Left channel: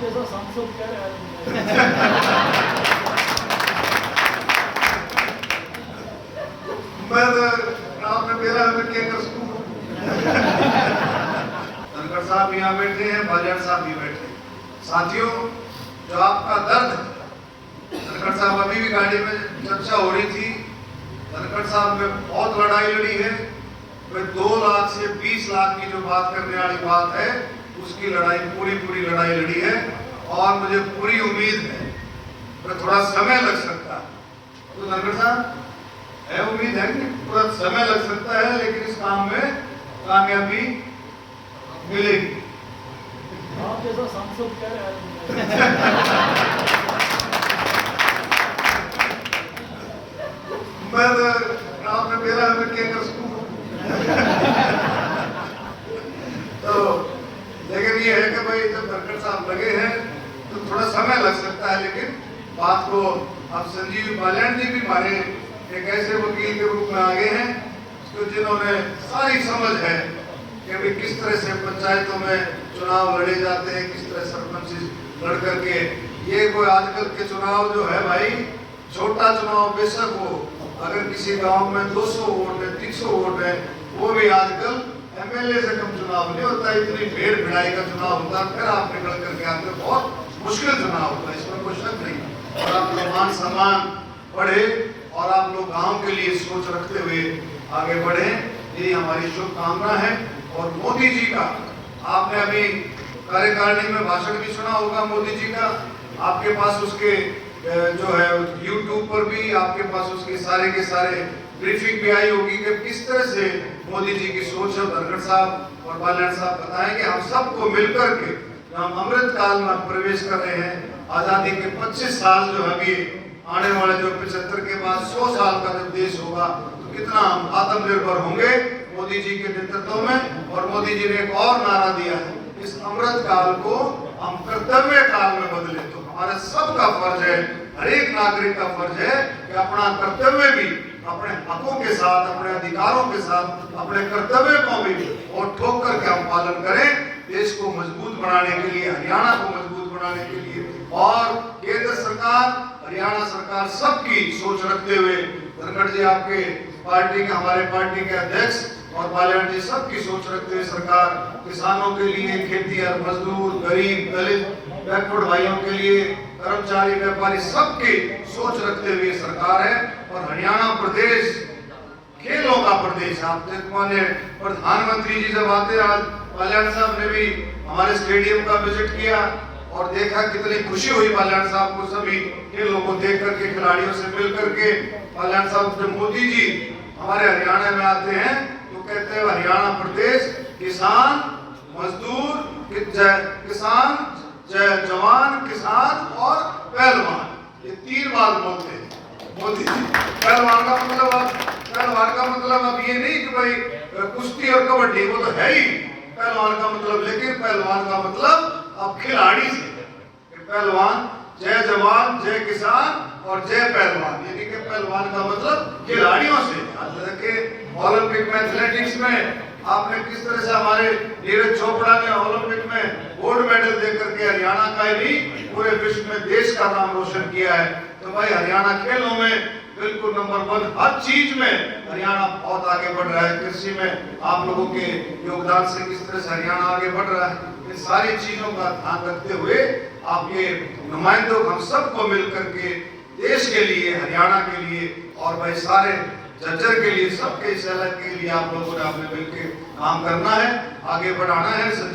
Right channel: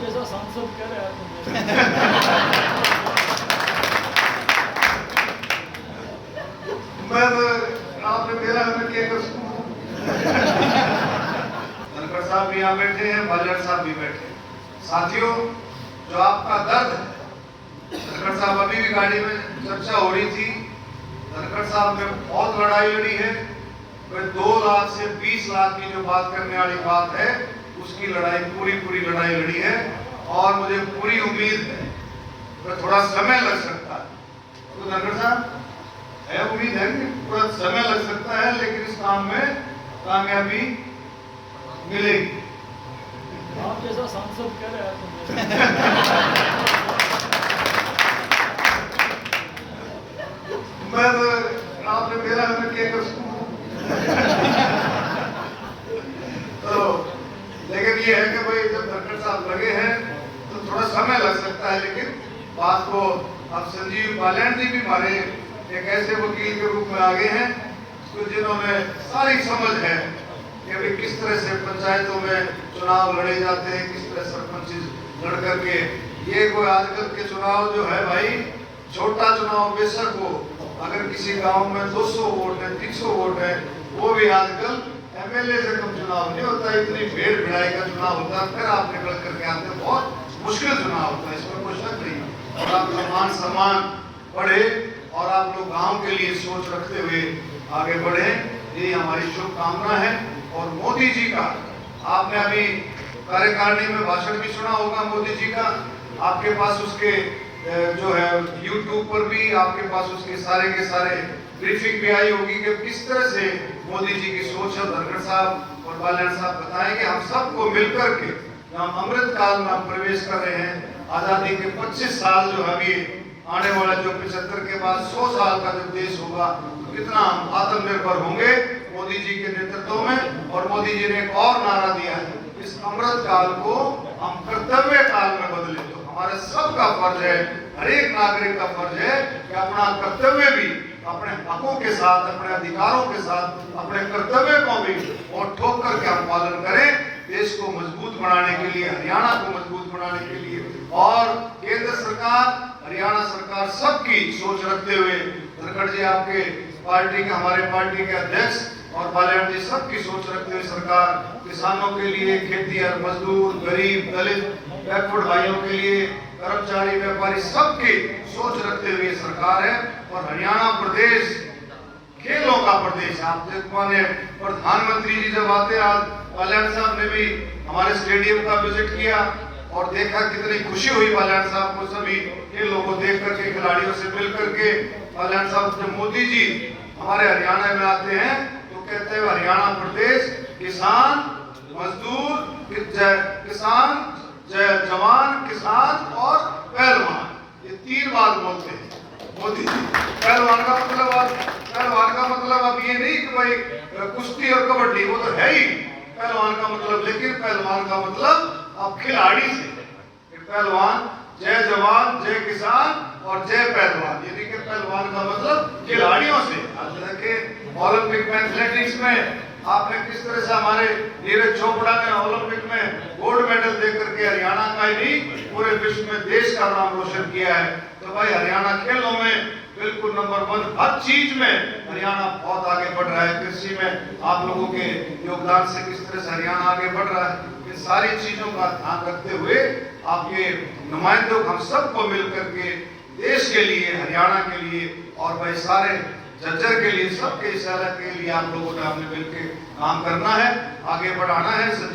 जैसा संसद करे मैं आपने मेरा केंद्र धनखड़ साहब भी यहाँ बैठे हैं, बालन साहब भी बैठे हैं। साथियों, जो आपका दर्द है, धनखड़ साहब अभी भी गाड़ी में चर्चा हो रही थी। धनखड़ साहब ने बहुत लड़ाई लड़ी है। वह 2 लाख से 20 लाख की जो बात करने वाली बात है, उसकी लड़ाई पूरी लड़ाई लड़ी है और मुझे पूरी उम्मीद है। पर थोड़ा समय लग सकता है। तो धनखड़ साहब है, उम्मीद है कि थोड़ा समय लग सकता है, लेकिन इस काम में कामयाबी मिलेगी। आप जैसा संसद करे मैं आपने मेरा केंद्र तो लेकिन ये है कि भाई जब धनखड़ साहब लगे हैं तो थोड़ा समय लग सकता है, लेकिन बात को अब संजीव बालन जी भी हमारे एक ऐसे वकील के रूप में आगे हैं तो जिन्होंने सारी समझ है कि अभी किस तरह से पंचायतों में चुनाव लड़े जाते हैं, किस तरह सरपंच लड़ करके। ये कोई आजकल के चुनाव जो है भाई, छोटा चुनाव बेशक हो, अगर किसी गांव में 200 वोट है, 300 वोट है, वो भी आजकल एमएलए से कम चुनाव नहीं होता। इतनी भीड़ भिड़ाई का चुनाव होता है, फिर आप निकल करके आते हो। बहुत मुश्किल चुनाव होता है, इसमें कोई शक नहीं। और आप मान सम्मान बढ़े और आप लोग गांव के लिए सोच रखते हुए आगे बढ़े, ये हमारी शुभकामना है। और मोदी जी का आपने अभी कार्यकारिणी में भाषण भी सुना होगा मोदी जी का। आपके पास उसके जो है YouTube पर भी आपके पास उसके सारे के सारे ब्रीफिंग भी आई होगी कि किस तरह से मोदी जी की सोच है। धनखड़ साहब और बालन साहब बताएं कि हम सबको मिलकर के हम अमृत काल में प्रवेश कर रहे हैं। आजादी के 25 साल जो अभी आने वाले जो 75 के बाद 100 साल का जब देश होगा, तो कितना हम आत्मनिर्भर होंगे मोदी जी के नेतृत्व में। और मोदी जी ने एक और नारा दिया है, इस अमृत काल को हम कर्तव्य काल में बदले। तो हमारे सबका फर्ज है, हर एक नागरिक का फर्ज है कि अपना कर्तव्य भी अपने हकों के साथ, अपने अधिकारों के साथ, अपने कर्तव्य को भी और ठोक करके हम पालन करें। देश को मजबूत बनाने के लिए, हरियाणा को मजबूत बनाने के लिए, और केंद्र सरकार, हरियाणा सरकार सबकी सोच रखते हुए, धनखड़ जी आपके पार्टी के, हमारे पार्टी के अध्यक्ष और बालन जी सबकी सोच रखते हुए सरकार किसानों के लिए, खेती और मजदूर, गरीब, दलित, बैकवर्ड भाइयों के लिए, कर्मचारी, व्यापारी, सबकी सोच रखते हुए सरकार है। और हरियाणा प्रदेश खेलों का प्रदेश है। आप देखो, प्रधानमंत्री जी जब आते, आज बालन साहब ने भी हमारे स्टेडियम का विजिट किया और देखा कितनी खुशी हुई बालन साहब को, सभी खेलों को देख करके, खिलाड़ियों से मिल करके। बालन साहब जब मोदी जी हमारे हरियाणा में आते हैं तो कहते हैं हरियाणा प्रदेश किसान, मजदूर, किसान, जवान, किसान और पहलवान, ये 3 बार बोलते हैं मोदी जी। पहलवान का मतलब अब ये नहीं कि भाई कुश्ती और कबड्डी, वो तो है ही पहलवान का मतलब, लेकिन पहलवान का मतलब अब खिलाड़ी से। पहलवान जय जवान, जय किसान और जय पहलवान, यानी कि पहलवान का मतलब खिलाड़ियों से। ओलंपिक में एथलेटिक्स में आपने किस तरह से हमारे नीरज चोपड़ा ने ओलंपिक में गोल्ड मेडल देकर के हरियाणा का ही नहीं, पूरे विश्व में देश का नाम रोशन किया है। तो भाई हरियाणा खेलों में बिल्कुल नंबर 1, हर चीज में हरियाणा बहुत आगे बढ़ रहा है। कृषि में आप लोगों के योगदान से किस तरह से हरियाणा आगे बढ़ रहा है, इन सारी चीजों का ध्यान रखते हुए आपके नुमाइंदों, हम सबको मिलकर के देश के लिए, हरियाणा के लिए और भाई सारे जज्जर के लिए, सबके इस के लिए आप लोगों ने आपने मिलकर काम करना है, आगे बढ़ाना है।